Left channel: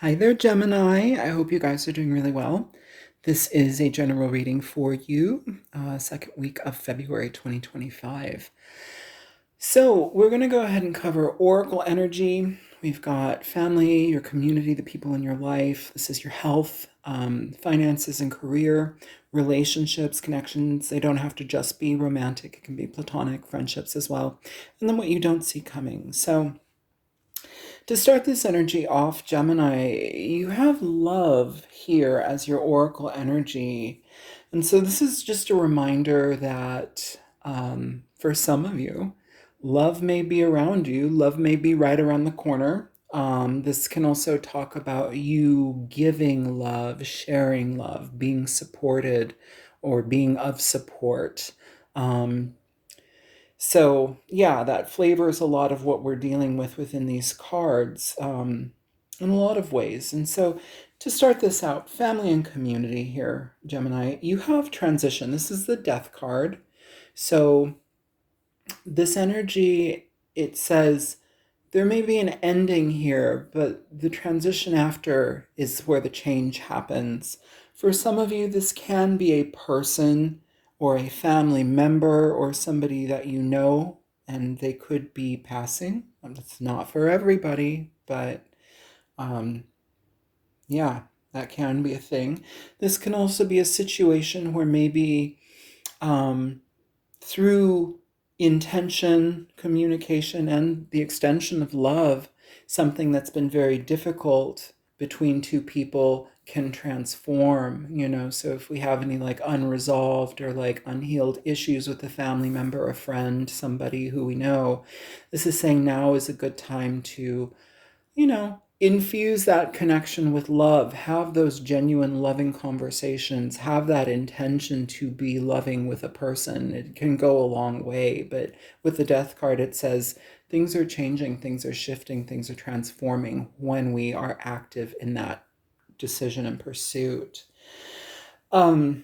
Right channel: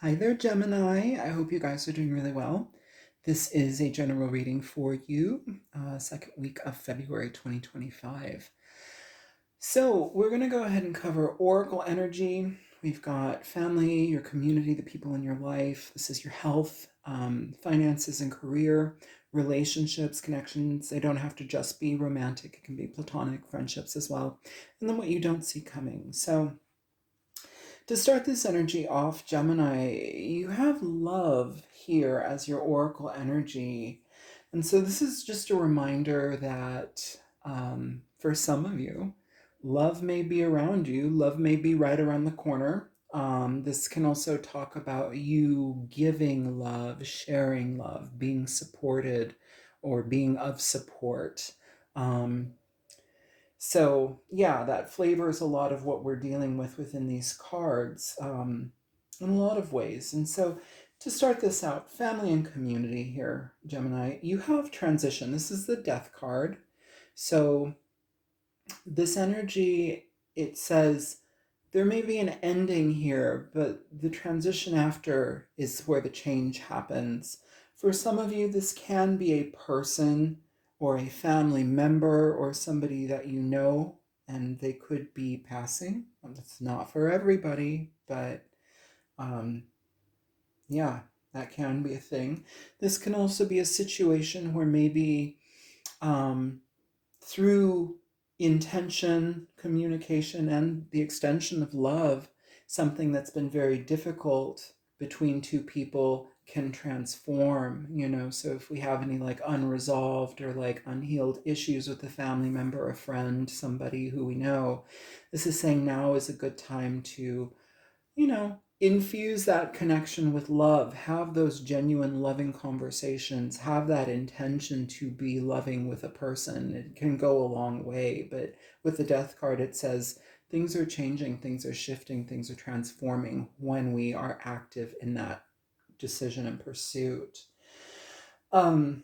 Hi there, Gemini. I hope you guys are doing really well. This is a general reading for you, second week of February 2025. So, we're going to go ahead and cover Oracle energy. We've got family, your community, the people in your life. This is your health, finances, and career, relationships, connections. They don't have to just be romantic, it can be platonic friendships as well. And then what you don't see coming. So, to start this energy off, Gemini, you have love here as your oracle energy. And so this is just a reminder that for some of you, love may be around you, love may be right around the corner. This can also talk about you giving love, sharing love, being supported, or being of support. Um, so yeah, that flavors a lot of what we're dealing with within these cards in a lot of ways. And so to start this out, family and community here, Gemini, you have transition. This is the death card. So this energy, it says there may be an ending here, but the transition after is where the change happens. For some of you, this can be a person or a family member or somebody that you know, and they could be passing. It's not for everybody, but um, yeah, that can be a thing. This can also be a situation where maybe um, through intention, communication, and the extension of love, something that's been very difficult between two people can transform. So if we have any like unresolved or like unhealed issues with a family member, a friend, somebody who we know, this is saying now is a good time to infuse that connection with love, have those genuine loving conversations, have that intention to be loving with a person. It can go a long way. But with the death card, it says things are changing, things are shifting, things are transforming when we are active in that decision and pursuit. Um,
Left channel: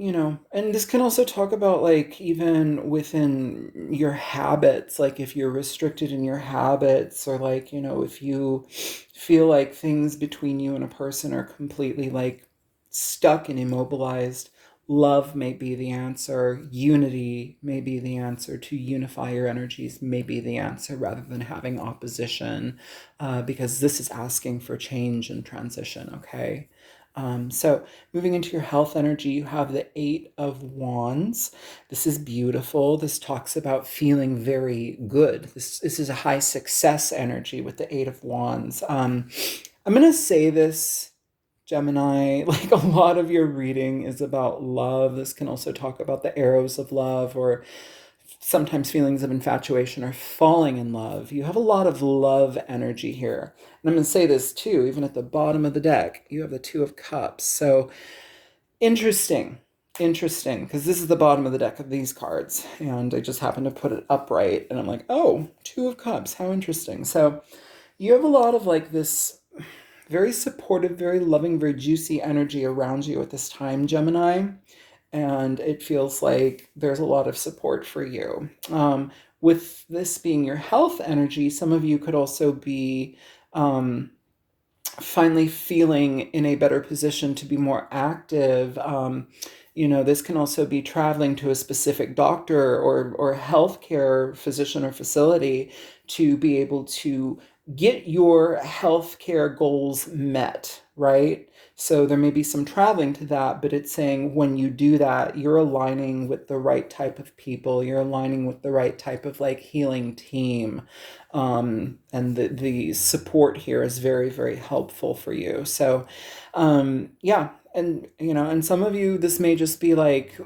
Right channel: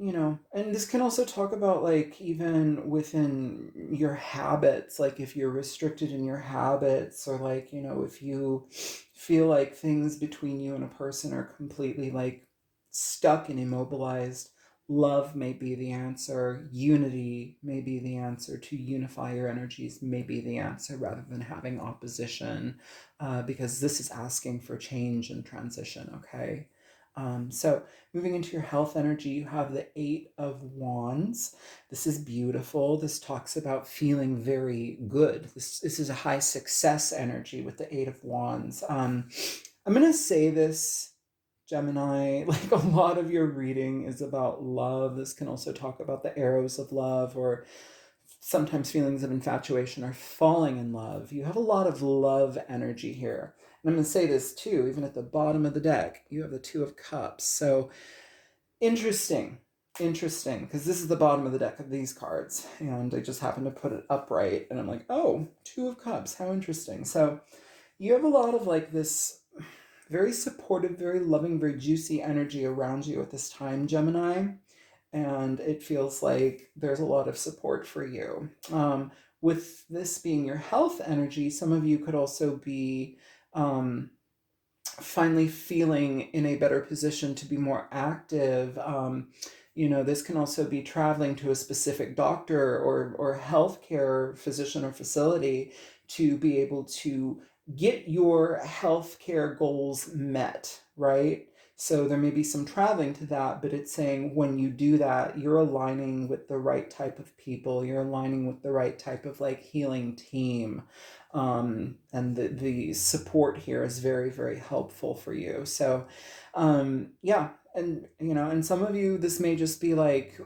and this can also talk about like even within your habits, like if you're restricted in your habits, or like, if you feel like things between you and a person are completely like stuck and immobilized, love may be the answer, unity may be the answer, to unify your energies may be the answer rather than having opposition, because this is asking for change and transition, okay? So moving into your health energy, you have the Eight of Wands. This is beautiful. This talks about feeling very good. This is a high success energy with the Eight of Wands. I'm going to say this, Gemini, like a lot of your reading is about love. This can also talk about the arrows of love, or sometimes feelings of infatuation or falling in love. You have a lot of love energy here. And I'm going to say this too, even at the bottom of the deck, you have the Two of Cups. So interesting, interesting, because this is the bottom of the deck of these cards. And I just happened to put it upright. And I'm like, oh, Two of Cups, how interesting. So you have a lot of like this very supportive, very loving, very juicy energy around you at this time, Gemini, and it feels like there's a lot of support for you. With this being your health energy, some of you could also be finally feeling in a better position to be more active. This can also be traveling to a specific doctor or healthcare physician or facility to be able to get your healthcare goals met, right? So there may be some traveling to that, but it's saying when you do that, you're aligning with the right type of people, you're aligning with the right type of like healing team. And the support here is very, very helpful for you. So, yeah. And some of you, this may just be like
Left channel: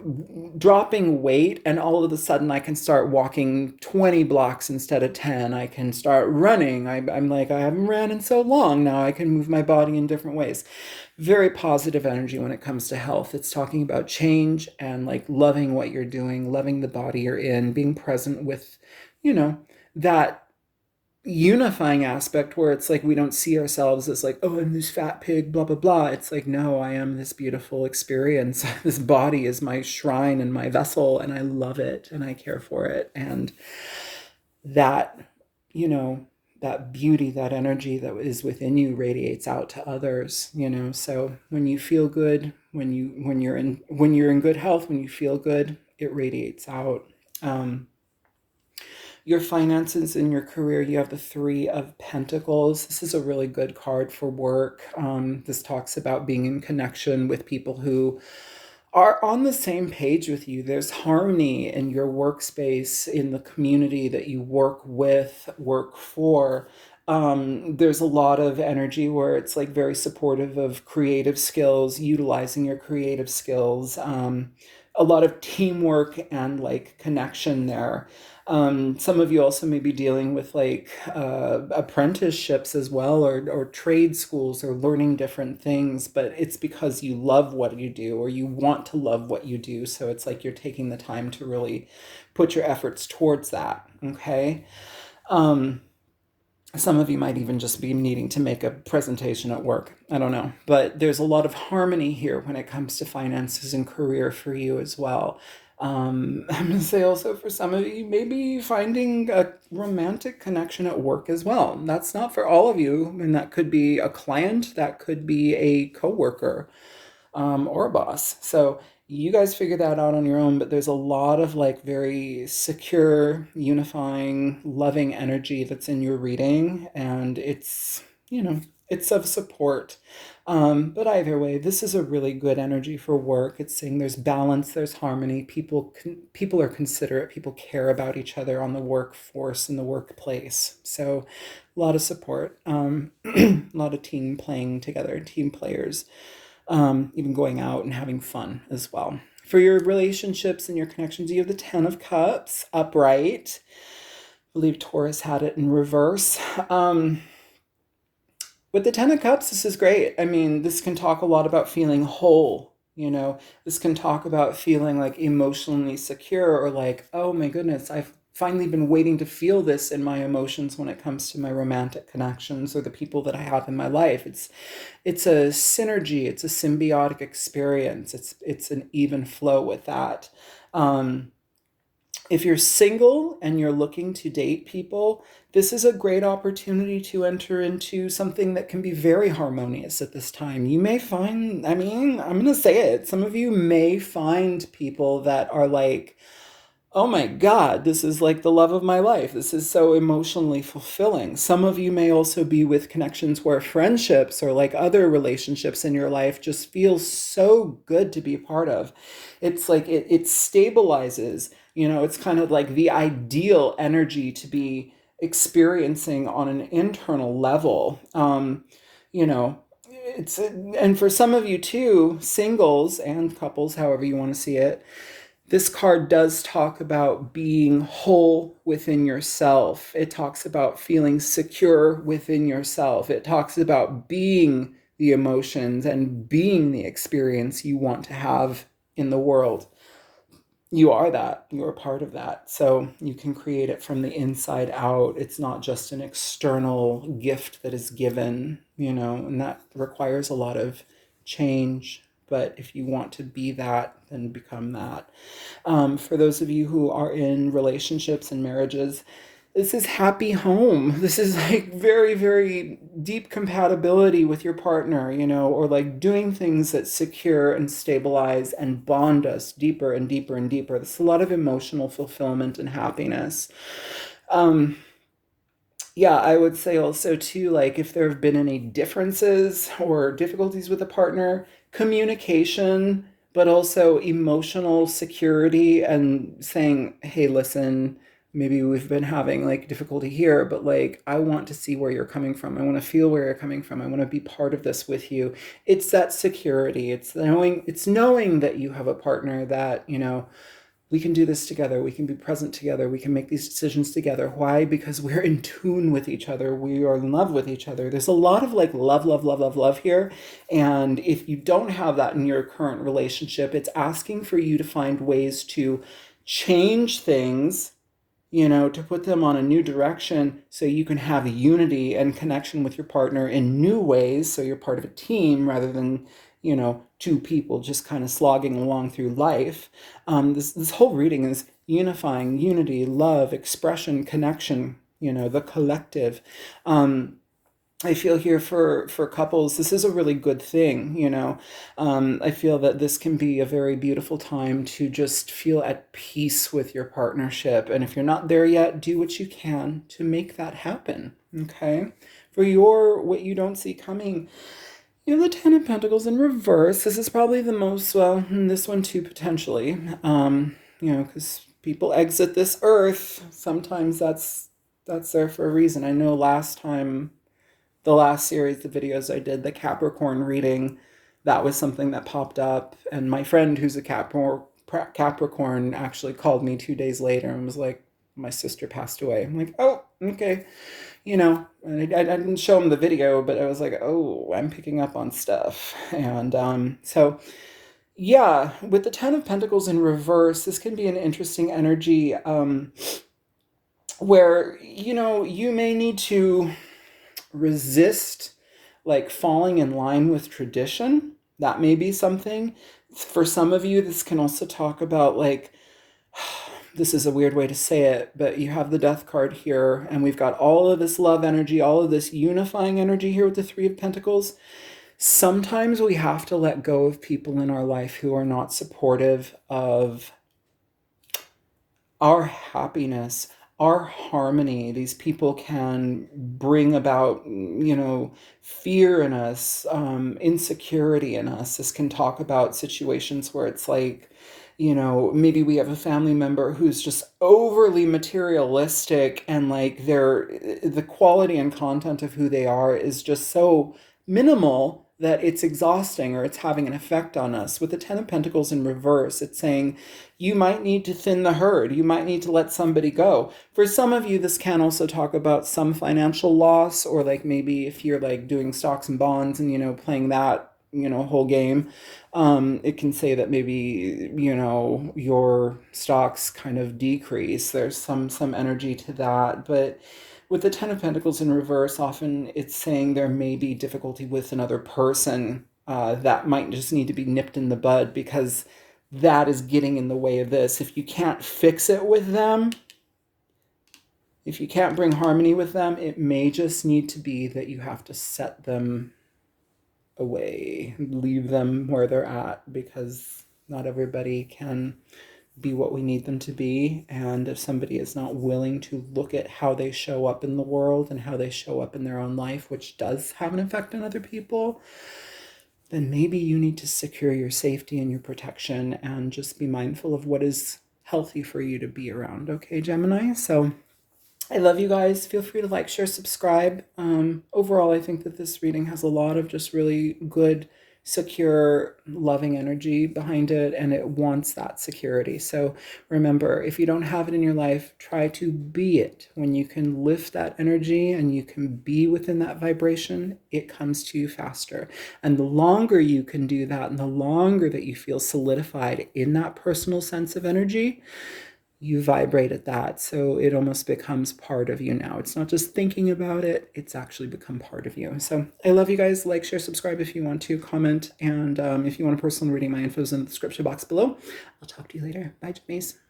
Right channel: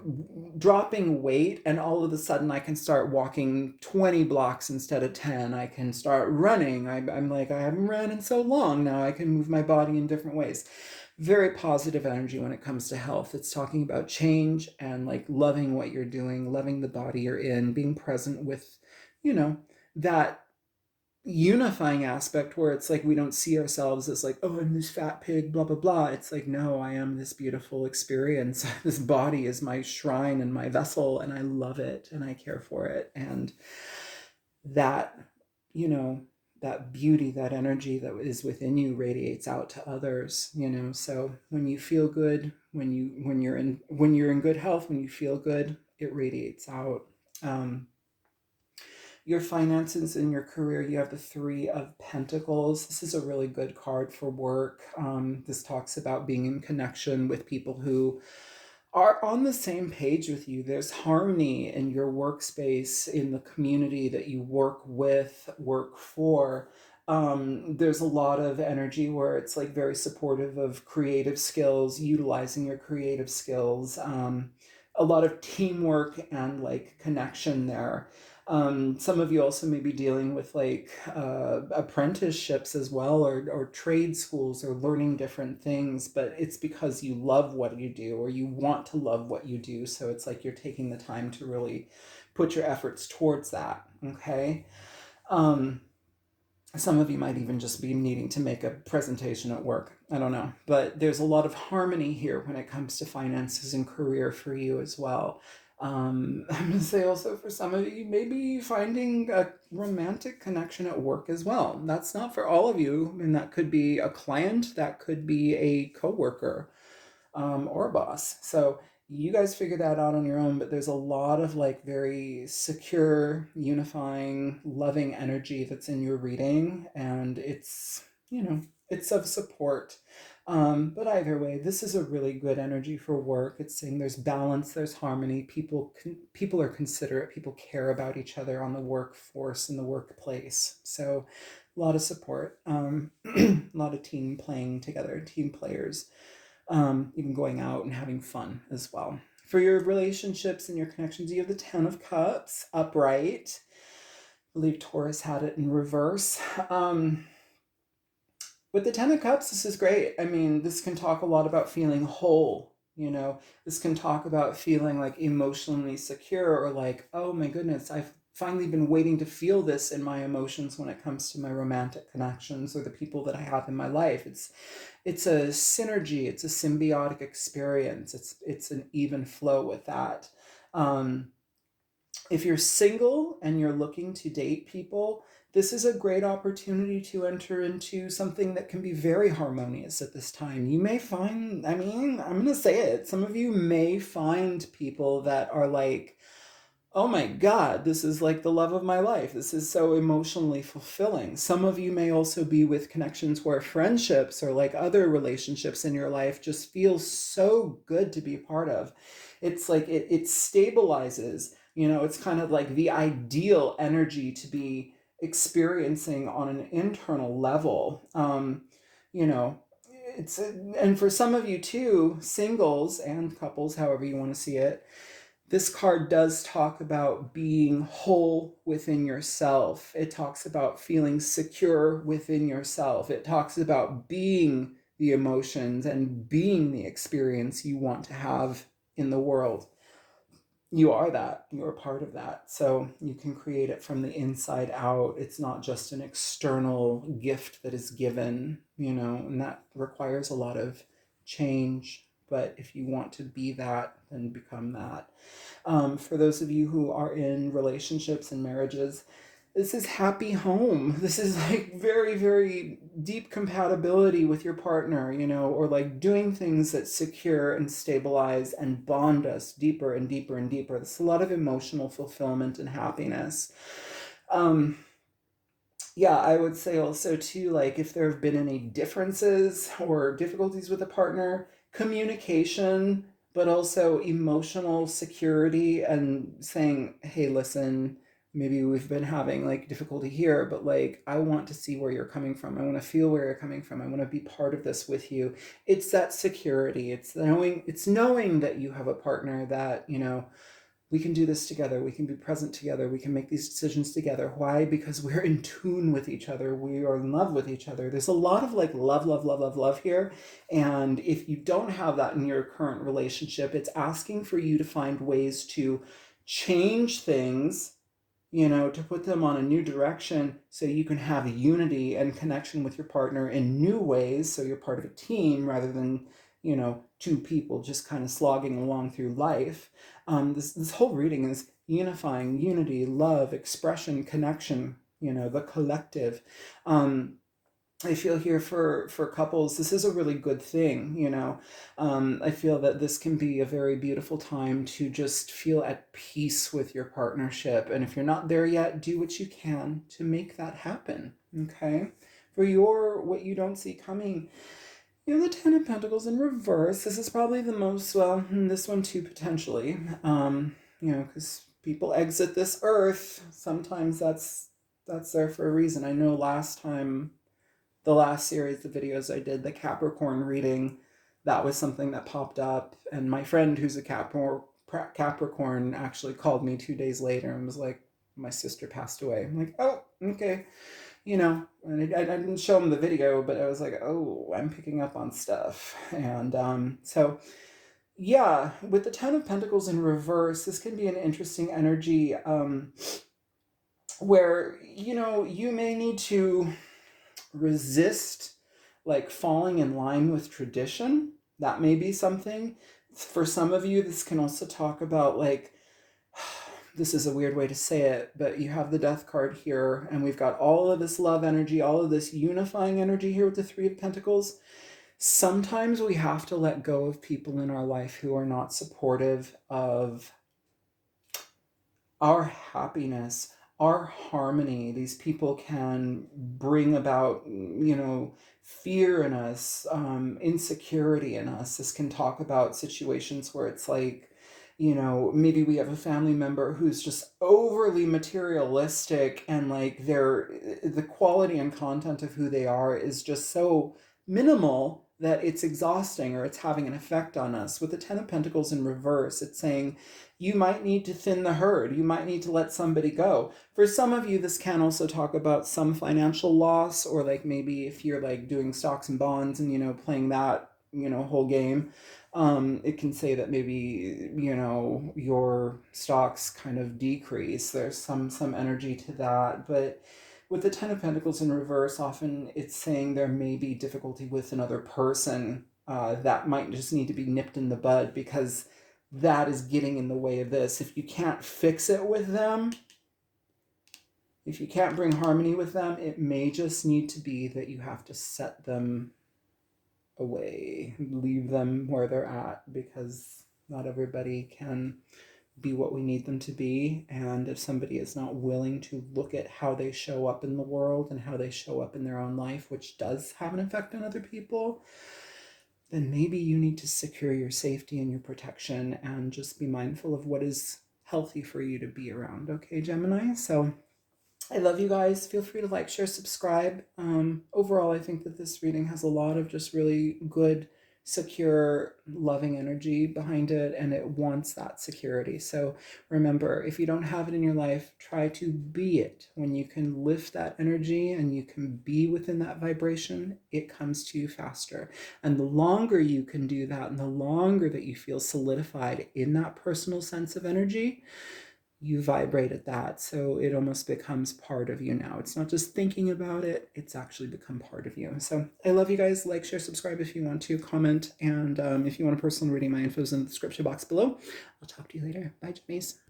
dropping weight, and all of a sudden I can start walking 20 blocks instead of 10. I can start running. I'm like, I haven't ran in so long. Now I can move my body in different ways. Very positive energy when it comes to health. It's talking about change and like loving what you're doing, loving the body you're in, being present with, that unifying aspect where it's like we don't see ourselves as like, oh, I'm this fat pig, blah blah blah. It's like, no, I am this beautiful experience. This body is my shrine and my vessel, and I love it and I care for it. And that, you know that beauty, that energy that is within you radiates out to others, you know. So when you feel good, when you're in good health, when you feel good, it radiates out. Um, your finances in your career, you have the Three of Pentacles. This is a really good card for work. This talks about being in connection with people who are on the same page with you. There's harmony in your workspace, in the community that you work with, work for. There's a lot of energy where it's like very supportive of creative skills, utilizing your creative skills. A lot of teamwork and like connection there. Some of you also may be dealing with like apprenticeships as well, or trade schools, or learning different things, but it's because you love what you do, or you want to love what you do. So it's like you're taking the time to really put your efforts towards that. Okay. Um, some of you might even just be needing to make a presentation at work. I don't know. But there's a lot of harmony here when it comes to finances and career for you as well. I'm going to say also for some of you, maybe finding a romantic connection at work as well. That's not for all of you. And that could be a client, that could be a coworker, or a boss. So you guys figure that out on your own, but there's a lot of like very secure, unifying, loving energy that's in your reading, and it's, you know, it's of support. But either way, this is a really good energy for work. It's saying there's balance, there's harmony. People are considerate. People care about each other on the workforce in the workplace. So a lot of support. A lot of team playing together, team players, even going out and having fun as well. For your relationships and your connections, you have the Ten of Cups upright. I believe Taurus had it in reverse. With the Ten of Cups, this is great. I mean, this can talk a lot about feeling whole. You know, this can talk about feeling like emotionally secure, or like, oh my goodness, I've finally been waiting to feel this in my emotions when it comes to my romantic connections or the people that I have in my life. It's a synergy, it's a symbiotic experience. It's an even flow with that. Um, if you're single and you're looking to date people, this is a great opportunity to enter into something that can be very harmonious at this time. You may find, I mean, I'm going to say it, some of you may find people that are like, oh my God, this is like the love of my life. This is so emotionally fulfilling. Some of you may also be with connections where friendships or like other relationships in your life just feel so good to be part of. It's like it stabilizes, you know, it's kind of like the ideal energy to be experiencing on an internal level. You know, and for some of you too, singles and couples, however you want to see it, this card does talk about being whole within yourself. It talks about feeling secure within yourself. It talks about being the emotions and being the experience you want to have in the world. You are that. You're a part of that. So you can create it from the inside out. It's not just an external gift that is given, you know, and that requires a lot of change. But if you want to be that, then become that. For those of you who are in relationships and marriages, this is happy home. This is like very, very deep compatibility with your partner, you know, or like doing things that secure and stabilize and bond us deeper and deeper and deeper. There's a lot of emotional fulfillment and happiness. Um, yeah, I would say also too, like if there have been any differences or difficulties with a partner, communication, but also emotional security and saying, hey, listen, maybe we've been having like difficulty here, but like I want to see where you're coming from. I want to feel where you're coming from. I want to be part of this with you. It's that security. It's knowing that you have a partner that, you know, we can do this together. We can be present together. We can make these decisions together. Why? Because we're in tune with each other. We are in love with each other. There's a lot of like love, love, love, love, love here. And if you don't have that in your current relationship, it's asking for you to find ways to change things, you know, to put them on a new direction so you can have unity and connection with your partner in new ways. So you're part of a team rather than, you know, two people just kind of slogging along through life. This whole reading is unifying, unity, love, expression, connection. the collective. I feel here for couples, this is a really good thing, I feel that this can be a very beautiful time to just feel at peace with your partnership. And if you're not there yet, do what you can to make that happen. Okay. For what you don't see coming, the Ten of Pentacles in reverse. This is probably the most, well, this one too, potentially. Because people exit this earth. Sometimes that's there for a reason. I know last time, the last series of videos I did, the Capricorn reading, that was something that popped up. And my friend who's a Capricorn actually called me 2 days later and was like, my sister passed away. I'm like, oh, okay. And I didn't show him the video, but I was like, oh, I'm picking up on stuff. And so, yeah, with the Ten of Pentacles in reverse, this can be an interesting energy where, you may need to resist like falling in line with tradition. That may be something. For some of you, this can also talk about like, this is a weird way to say it, but you have the Death card here, and we've got all of this love energy, all of this unifying energy here with the Three of Pentacles. Sometimes we have to let go of people in our life who are not supportive of our happiness, our harmony. These people can bring about, fear in us, insecurity in us. This can talk about situations where it's like, maybe we have a family member who's just overly materialistic, and like the quality and content of who they are is just so minimal that it's exhausting, or it's having an effect on us. With the Ten of Pentacles in reverse, it's saying you might need to thin the herd. You might need to let somebody go. For some of you, this can also talk about some financial loss, or like maybe if you're like doing stocks and bonds and, playing that, whole game, it can say that maybe, your stocks kind of decrease. There's some energy to that. But with the Ten of Pentacles in reverse, often it's saying there may be difficulty with another person that might just need to be nipped in the bud, because that is getting in the way of this. If you can't fix it with them, if you can't bring harmony with them, it may just need to be that you have to set them away, leave them where they're at, because not everybody can be what we need them to be. And if somebody is not willing to look at how they show up in the world and how they show up in their own life, which does have an effect on other people, then maybe you need to secure your safety and your protection and just be mindful of what is healthy for you to be around. Okay, Gemini? So I love you guys. Feel free to like, share, subscribe. Overall, I think that this reading has a lot of just really good, secure, loving energy behind it, and it wants that security. So remember, if you don't have it in your life, try to be it. When you can lift that energy and you can be within that vibration, it comes to you faster. And the longer you can do that, and the longer that you feel solidified in that personal sense of energy, you vibrate at that. So it almost becomes part of you now. It's not just thinking about it, it's actually become part of you. So I love you guys. Like, share, subscribe if you want to, comment. And if you want a personal reading, my info is in the description box below. I'll talk to you later. Bye, Jimmies.